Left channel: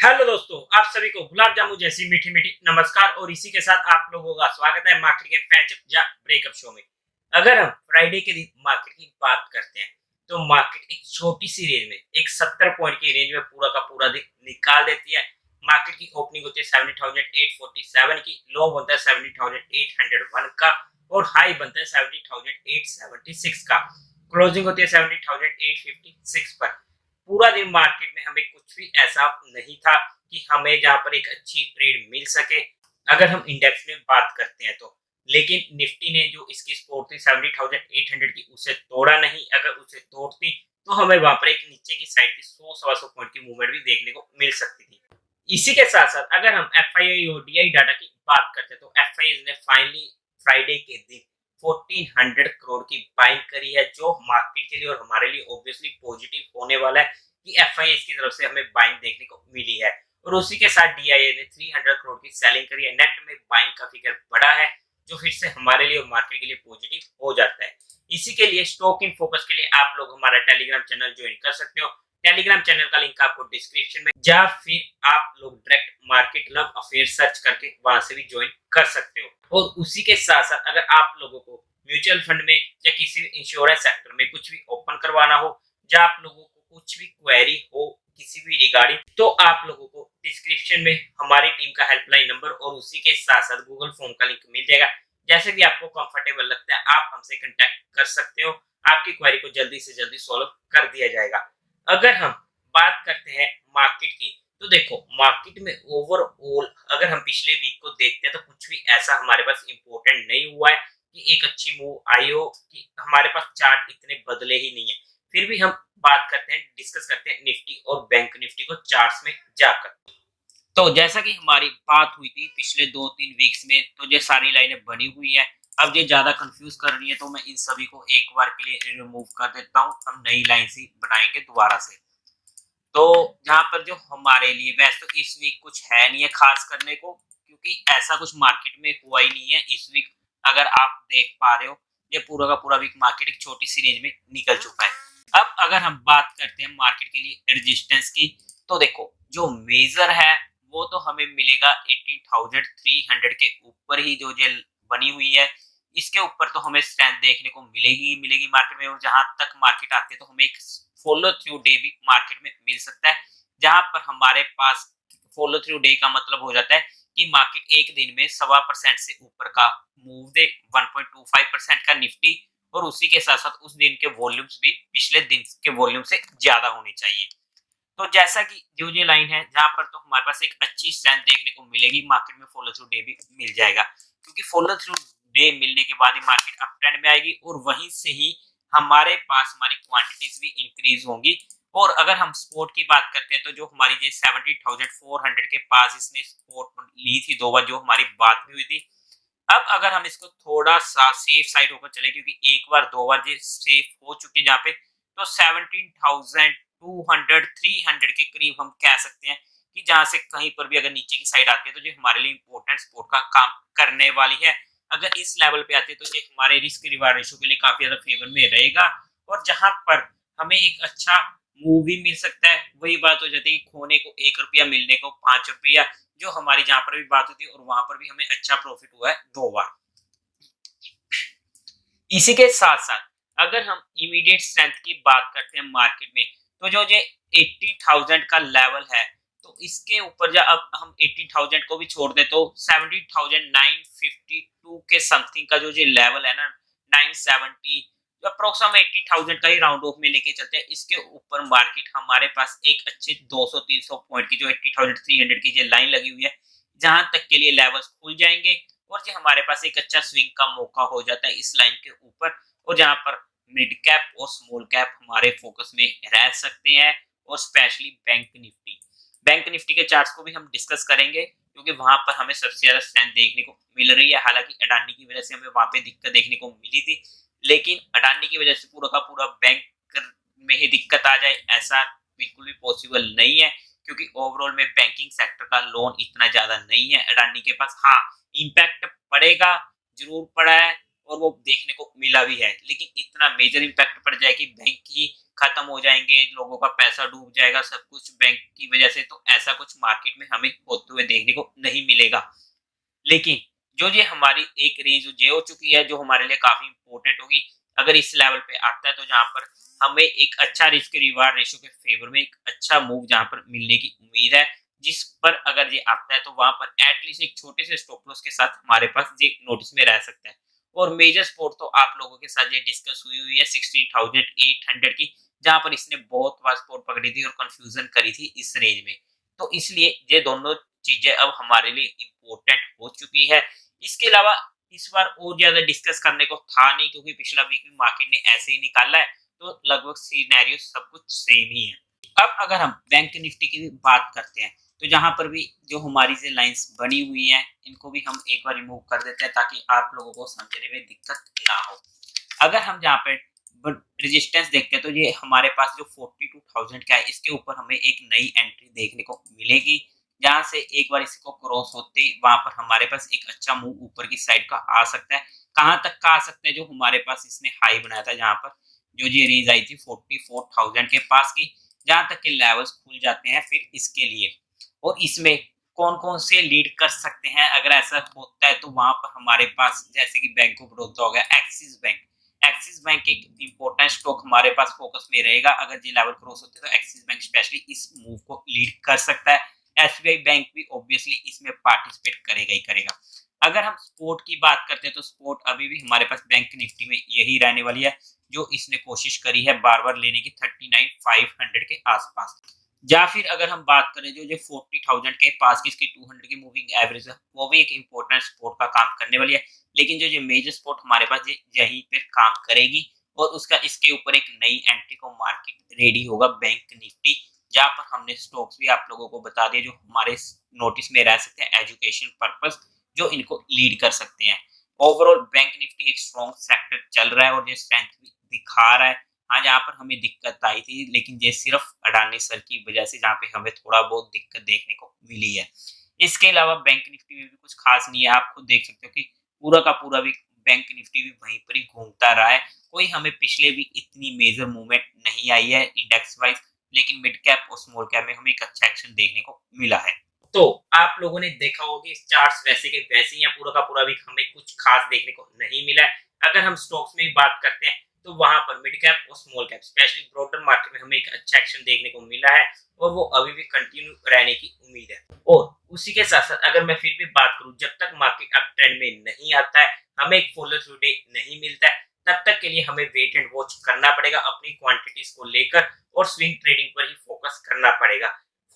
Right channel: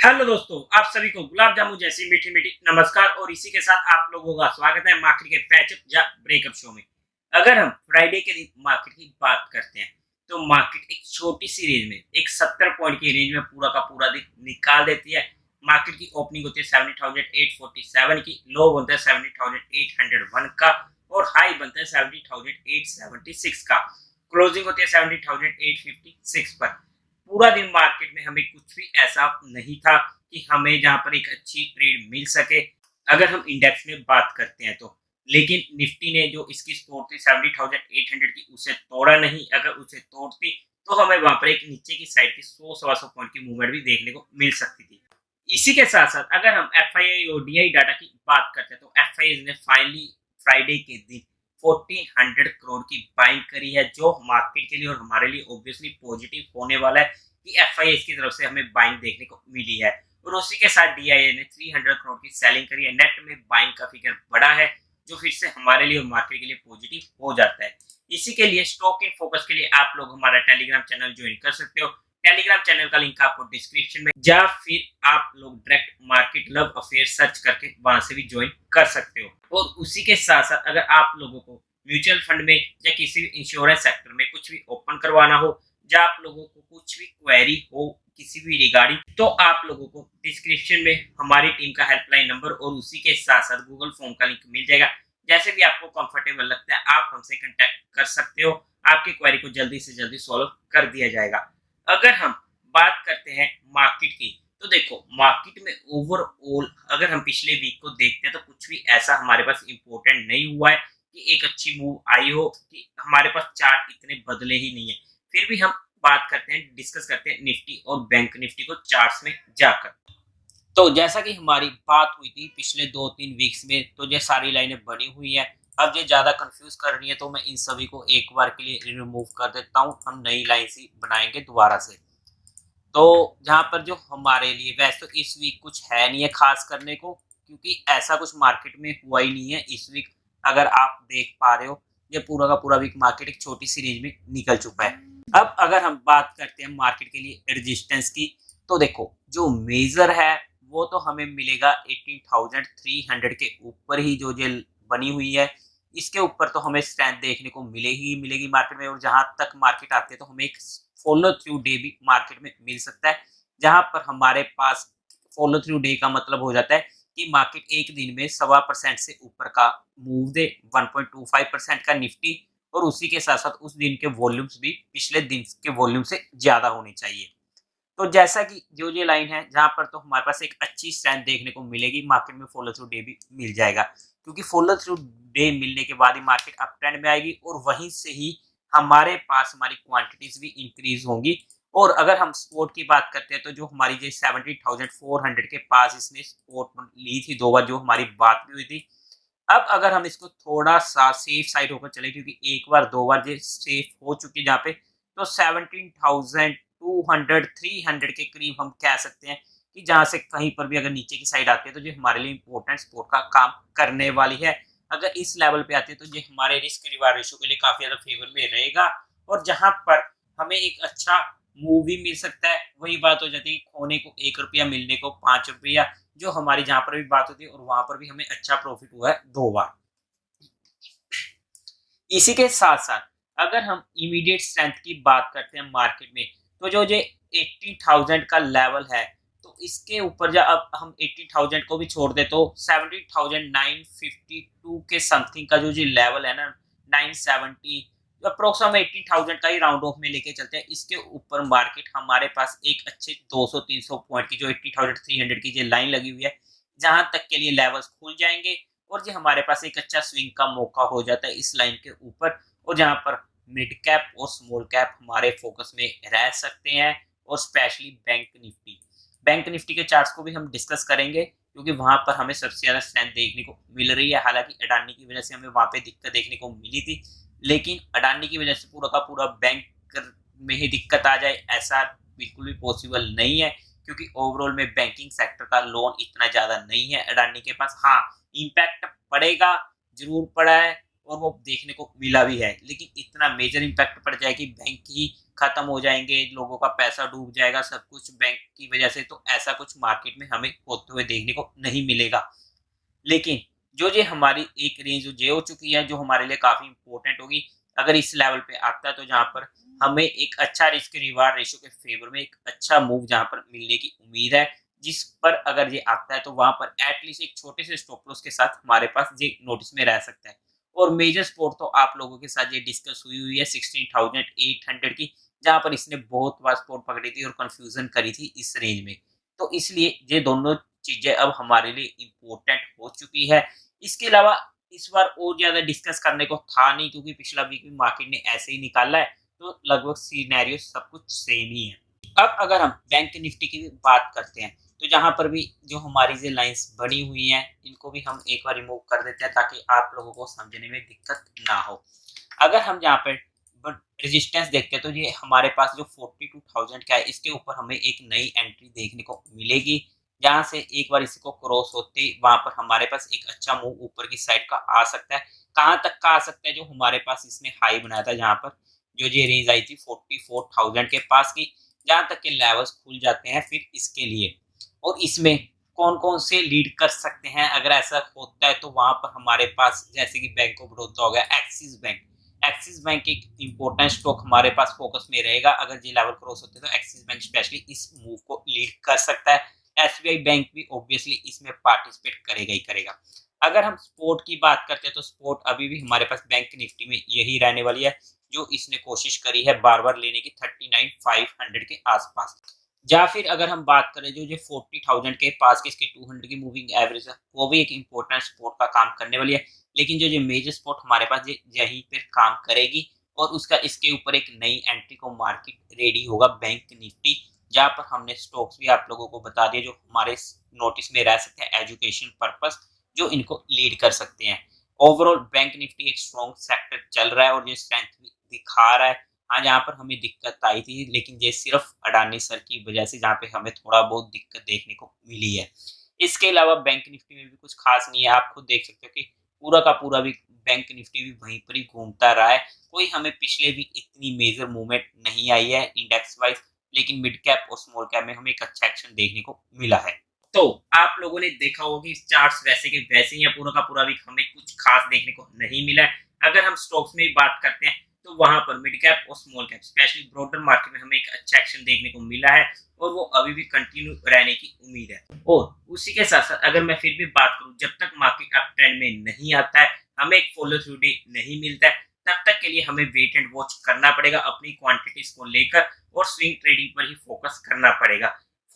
Hello दोस्तों, आप सभी को गुलाब जामुन जैसी मीठी मीठी नमस्कार। और इसी के साथ आप लोगों का स्वागत है मार्केट के पैचअप या ब्रेकअप शो में। अगर हम फ्राइडे के दिन मार्केट की बात करते हैं तो मार्केट एक छोटी सी रेंज में एक 70 पॉइंट की रेंज में पूरा का पूरा दिन निकाल देती है। मार्केट की ओपनिंग होती है 70,847 की, लो बनता है 70,801 का और हाई बनता है 70,876 का। क्लोजिंग होती है 70,856 पर। पूरा दिन मार्केट में हमें कुछ भी ऐसा नहीं था कि हमें जहां पर एक अच्छी ट्रेड मिल सके अगर हम इंडेक्स में बात करते हैं तो। लेकिन निफ्टी ने जो इसकी सपोर्ट थी 70,800 की, उसे तोड़ा नहीं। अगर उसे तोड़ती तो हमें वहां पर एक नीचे की साइड की 100-125 पॉइंट की मूवमेंट भी देखने को मिल सकती थी। इसी के साथ साथ अगर हम एफ आई आई और डी आई डाटा की बात करते हैं तो एफ आई ने फाइनली फ्राइडे के दिन 1400 करोड़ की बाइंग करी है, जो मार्केट के लिए और हमारे लिए ऑब्वियसली पॉजिटिव होने वाला है कि एफआईए की तरफ से हमें बाइंग देखने को मिली है। और उसी के साथ डीआईए ने 300 करोड़ की सेलिंग करी है। नेट में बाइंग का फिगर बड़ा है, जो फिर से हमारे लिए और मार्केट के लिए पॉजिटिव हो जाता है। इसी के लिए स्टॉक इन फोकस के लिए आप लोग हमारा टेलीग्राम चैनल ज्वाइन कर सकते हो। टेलीग्राम चैनल का लिंक आपको डिस्क्रिप्शन में, या फिर आप लोग direct market love affair search करके वहां से भी ज्वाइन कर सकते हो। और उसी के साथ साथ अगर आप लोगों को म्यूचुअल फंड में या किसी भी इंश्योरेंस सेक्टर में कुछ भी ओपन करवाना हो, या आप लोगों को कुछ भी क्वेरी हो किसी भी रिगार्डिंग, तो आप लोगों को डिस्क्रिप्शन में हमारी टीम का हेल्पलाइन नंबर और उसी के साथ साथ गूगल फॉर्म का लिंक मिल जाएगा। जैसे भी आपको कंफर्टेबल लगता है आप हमसे कांटेक्ट कर सकते हो। आपकी क्वेरी को जल्दी से जल्दी सॉल्व कर दिया जाएगा। अगर हम बात करते हैं मार्केट की, तो देखो मार्केट में ओवरऑल अगर हम पिछले वीक को देखते हैं तो कुछ भी ऐसा हमारे पास इंपॉर्टेंट नहीं हुआ है कि एक अच्छी मूव आई हो, कि हमारे पास चार्ट इतने बदले ही नहीं है। फिर भी हम बात करते हैं, डिस्कस करते हैं निफ्टी और बैंक निफ्टी को चार्ट्स में जाकर। तो जैसा कि हमारी बात हुई थी पिछले 2-3 वीक्स में, तो ये सारी लाइनें बनी हुई है। अब ये ज्यादा कंफ्यूज कर रही है तो मैं इन सभी को एक बार के लिए रिमूव कर देता हूँ। हम नई लाइन ही बनाएंगे दोबारा से। तो जहां पर जो हमारे लिए, वैसे तो इस वीक कुछ है नहीं है खास करने को, क्योंकि ऐसा कुछ मार्केट में हुआ ही नहीं है इस वीक। अगर आप देख पा रहे हो ये पूरा का पूरा वीक मार्केट एक छोटी सी रेंज में निकल चुका है। अब अगर हम बात करते हैं मार्केट के लिए रेजिस्टेंस की, तो देखो जो मेजर है वो तो हमें मिलेगा 18,300 के ऊपर ही, जो ये बनी हुई है इसके ऊपर तो हमें स्ट्रेंथ देखने को मिलेगी मार्केट में। और जहां तक मार्केट आती है तो हमें एक फॉलो थ्रू डे भी मार्केट में मिल सकता है, जहां पर हमारे पास फॉलो थ्रू डे का मतलब हो जाता है कि मार्केट एक दिन में 1.25% से ऊपर का मूव दे, 1.25% का निफ्टी, और उसी के साथ साथ उस दिन के वॉल्यूम्स भी पिछले दिन के वॉल्यूम से ज्यादा होने चाहिए। तो जैसा कि जो ये लाइन है जहां पर तो हमारे पास एक अच्छी स्ट्रेंथ देखने को मिलेगी, मार्केट में फॉलो थ्रू डे भी मिल जाएगा, क्योंकि फॉलो थ्रू डे मिलने के बाद ही मार्केट अप ट्रेंड में आएगी और वहीं से ही हमारे पास हमारी क्वांटिटीज भी इंक्रीज होंगी। और अगर हम सपोर्ट की बात करते हैं तो जो हमारी जो 70,400 के पास इसने सपोर्ट ली थी 2 बार, जो हमारी बात भी हुई थी। अब अगर हम इसको थोड़ा सा सेफ साइड होकर चले, क्योंकि एक बार 2 बार ये सेफ हो चुकी है जहाँ पे, तो 17,200 300 के करीब हम कह सकते हैं कि जहां से कहीं पर भी अगर नीचे की साइड आती है तो ये हमारे लिए इंपॉर्टेंट सपोर्ट का काम करने वाली है। अगर इस लेवल पे आती है तो ये हमारे रिस्क रिवार्ड रेशियो के लिए काफी ज्यादा फेवर में रहेगा, और जहां पर हमें एक अच्छा मूव भी मिल सकता है। वही बात हो जाती है कि खोने को 1 रुपया मिलने को 5 रुपया, जो हमारी जहां पर भी बात होती है, और वहां पर भी हमें अच्छा प्रॉफिट हुआ है 2 बार। इसी के साथ साथ अगर हम इमीडिएट स्ट्रेंथ की बात करते हैं मार्केट में, तो जो ये 80,000 का लेवल है, तो इसके ऊपर जब अब हम 80,000 को भी छोड़ दे तो 70,952 के समथिंग का जो ये लेवल है ना, 970, अप्रोक्स हम 80,000 का ही राउंड ऑफ में लेके चलते हैं। इसके ऊपर मार्केट हमारे पास एक अच्छे 200-300 पॉइंट की जो 80,300 की जो लाइन लगी हुई है, जहां तक के लिए लेवल्स खुल जाएंगे और जो हमारे पास एक अच्छा स्विंग का मौका हो जाता है इस लाइन के ऊपर, और जहां पर मिड कैप और स्मॉल कैप हमारे फोकस में रह सकते हैं। और स्पेशली बैंक निफ्टी के चार्ट्स को भी हम डिस्कस करेंगे, क्योंकि वहां पर हमें सबसे ज्यादा स्ट्रेंथ देखने को मिल रही है। हालांकि अडानी की वजह से हमें वहां पे दिक्कत देखने को मिली थी, लेकिन अडानी की वजह से पूरा का पूरा बैंक में ही दिक्कत आ जाए ऐसा बिल्कुल भी पॉसिबल नहीं है, क्योंकि ओवरऑल में बैंकिंग सेक्टर का लोन इतना ज्यादा नहीं है अडानी के पास। हाँ, इम्पैक्ट पड़ेगा, जरूर पड़ा है, और वो देखने को मिला भी है, लेकिन इतना मेजर इम्पैक्ट पड़ जाए कि बैंक ही खत्म हो जाएंगे, लोगों का पैसा डूब जाएगा, सब कुछ बैंक की वजह से, तो ऐसा कुछ मार्केट में हमें होते हुए देखने को नहीं मिलेगा। लेकिन जो ये हमारी एक रेंज जो हो चुकी है, जो हमारे लिए काफ़ी इम्पोर्टेंट होगी, अगर इस लेवल पे आता है तो जहाँ पर हमें एक अच्छा रिस्क रिवार्ड रेशियो के फेवर में एक अच्छा मूव जहाँ पर मिलने की उम्मीद है, जिस पर अगर ये आता है तो वहाँ पर एटलीस्ट एक छोटे से स्टॉप लॉस के साथ हमारे पास ये नोटिस में रह सकता है। और मेजर सपोर्ट तो आप लोगों के साथ ये डिस्कस हुई है 16,800 की, जहाँ पर इसने बहुत बार सपोर्ट पकड़ी थी और कंफ्यूजन करी थी इस रेंज में। तो इसलिए ये दोनों चीजें अब हमारे लिए इम्पोर्टेंट हो चुकी है। इसके अलावा इस बार और ज्यादा डिस्कस करने को था नहीं, क्योंकि पिछला वीक भी मार्केट ने ऐसे ही निकाला है, तो लगभग सिनेरियो सब कुछ सेम ही है। अब अगर हम बैंक निफ्टी की भी बात करते हैं, तो जहां पर भी जो हमारी जो लाइंस बनी हुई हैं, इनको भी हम एक बार रिमूव कर देते हैं ताकि आप लोगों को समझने में दिक्कत ना हो। अगर हम जहाँ पे रेजिस्टेंस देखते हैं तो ये हमारे पास जो 42,000 का है, इसके ऊपर हमें एक नई एंट्री देखने को मिलेगी, जहां से एक बार इसको क्रॉस होते ही वहां पर हमारे पास एक अच्छा मूव ऊपर की साइड का आ सकता है। कहां तक का आ सकता है? जो हमारे पास इसने हाई बनाया था, जहां पर जो ये रेंज आई थी 44,000 के पास की, जहां तक के लेवल्स खुल जाते हैं फिर इसके लिए। और इसमें कौन कौन से लीड कर सकते हैं अगर ऐसा होता है, तो वहां पर हमारे पास जैसे कि बैंक ऑफ बड़ौदा हो गया, एक्सिस बैंक एक इंपॉर्टेंट स्टॉक हमारे पास फोकस में रहेगा। अगर ये लेवल क्रॉस होते हैं तो एक्सिस बैंक स्पेशली इस मूव को लीड कर सकता है। एसबीआई बैंक भी ऑब्वियसली इसमें पार्टिसिपेट करेगा ही करेगा। अगर हम स्पोर्ट की बात करते हैं तो स्पोर्ट अभी भी हमारे पास बैंक निफ्टी में यही रहने वाली है, जो इसने कोशिश करी है बार बार लेने की 39,500 के आसपास। या फिर अगर हम बात करें जो 40,000 के पास की इसकी 200 की मूविंग एवरेज है, वो भी एक इंपॉर्टेंट सपोर्ट का काम करने वाली है। लेकिन जो मेजर सपोर्ट हमारे पास यहीं पे काम करेगी, और उसका इसके ऊपर एक नई एंट्री को मार्केट रेडी होगा बैंक निफ्टी, जहाँ पर हमने स्टॉक्स भी आप लोगों को बता दिए जो हमारे नोटिस में रह सकते हैं एजुकेशन पर्पस, जो इनको लीड कर सकते हैं। ओवरऑल बैंक निफ्टी एक स्ट्रॉन्ग सेक्टर चल रहा है और ये स्ट्रेंथ भी दिखा रहा है। हाँ, जहाँ पर हमें दिक्कत आई थी, लेकिन ये सिर्फ अडानी सर की वजह से जहाँ पे हमें थोड़ा बहुत दिक्कत देखने को मिली है। इसके अलावा बैंक निफ्टी में भी कुछ खास नहीं है, आप खुद देख सकते हो कि पूरा का पूरा भी बैंक निफ्टी भी वहीं पर ही घूमता रहा है। कोई हमें पिछले वीक इतनी मेजर मूवमेंट नहीं आई है इंडेक्स वाइज, लेकिन मिड कैप और स्मॉल कैप में हमें एक अच्छा एक्शन देखने को मिला है। तो आप लोगों ने देखा होगा कि चार्ट्स वैसे के वैसे ही हैं, पूरा का पूरा वीक हमें कुछ खास देखने को नहीं मिला है। अगर हम स्टॉक्स में भी बात करते हैं तो वहां पर मिड कैप और small cap specially broader market में हमें एक अच्छा एक्शन देखने को मिला है, और वो अभी भी कंटिन्यू रहने की उम्मीद है। और उसी के साथ साथ अगर मैं फिर भी बात करूं, जब तक मार्केट अप ट्रेंड में नहीं आता है, हमें एक फॉलो थ्रू डे नहीं मिलता है, तब तक के लिए हमें वेट एंड वॉच करना पड़ेगा अपनी क्वांटिटीज को लेकर, और स्विंग ट्रेडिंग पर ही फोकस करना पड़ेगा।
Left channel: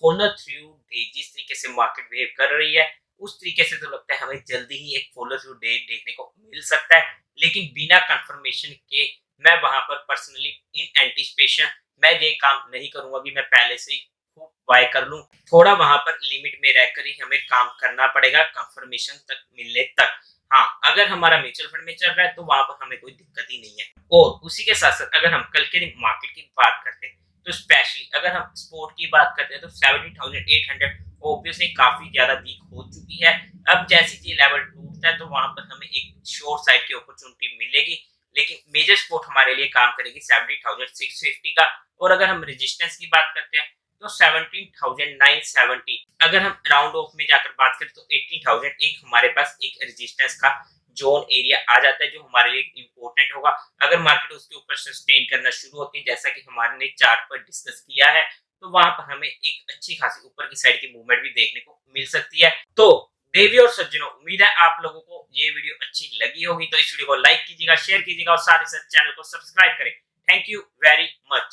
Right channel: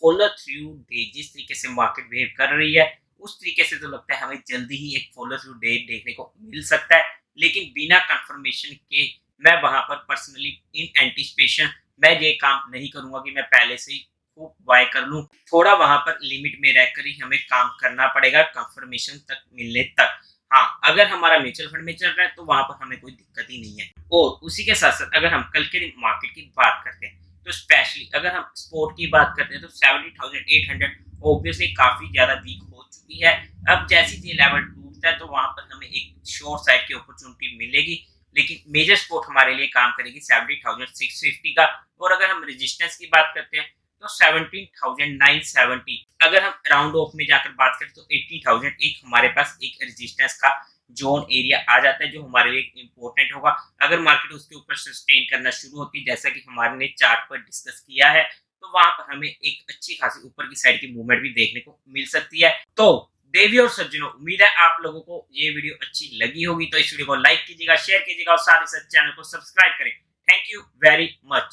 फॉलो थ्रू डे जिस तरीके से मार्केट बिहेव कर रही है, उस तरीके से तो लगता है हमें जल्दी ही एक फॉलो थ्रू डे देखने को मिल सकता है। लेकिन बिना कंफर्मेशन के मैं वहां पर पर्सनली इन एंटिसिपेशन मैं ये काम नहीं करूंगा कि मैं पहले से ही खूब बाय कर लूं। थोड़ा वहां पर लिमिट में रहकर ही हमें काम करना पड़ेगा कंफर्मेशन तक मिलने तक। हाँ, अगर हमारा म्यूचुअल फंड में चल रहा है तो वहां पर हमें कोई दिक्कत ही नहीं है। और उसी के साथ साथ अगर हम कल के दिन मार्केट की बात करते हैं, तो स्पेशली अगर हम स्पोर्ट की बात करते हैं तो 70,800 ऑब्वियसली काफी ज्यादा वीक हो चुकी है। अब जैसे ये लेवल टूटता है तो वहां पर हमें एक शॉर्ट साइड की अपॉर्चुनिटी मिलेगी, लेकिन मेजर सपोर्ट हमारे लिए काम करेगी 70,650 का। और अगर हम रेजिस्टेंस की बात करते हैं तो 17,970। अगर हम राउंड ऑफ में जाकर बात करें तो 18,000 एक हमारे पास एक रेजिस्टेंस का जोन एरिया आ जाता है, जो हमारे लिए इम्पोर्टेंट होगा। अगर मार्केट उसके ऊपर सस्टेन करना शुरू होती है, जैसा कि हमारे ने चार्ट पर डिस्कस किया है, तो वहां पर हमें एक अच्छी खासी ऊपर की साइड की मूवमेंट भी देखने को मिल सकती है। तो देवी और सज्जनों, उम्मीद है आप लोगों को ये वीडियो अच्छी लगी होगी, तो इस वीडियो को लाइक कीजिएगा, शेयर कीजिएगा और साथ ही साथ चैनल को सब्सक्राइब करें। Thank you very much.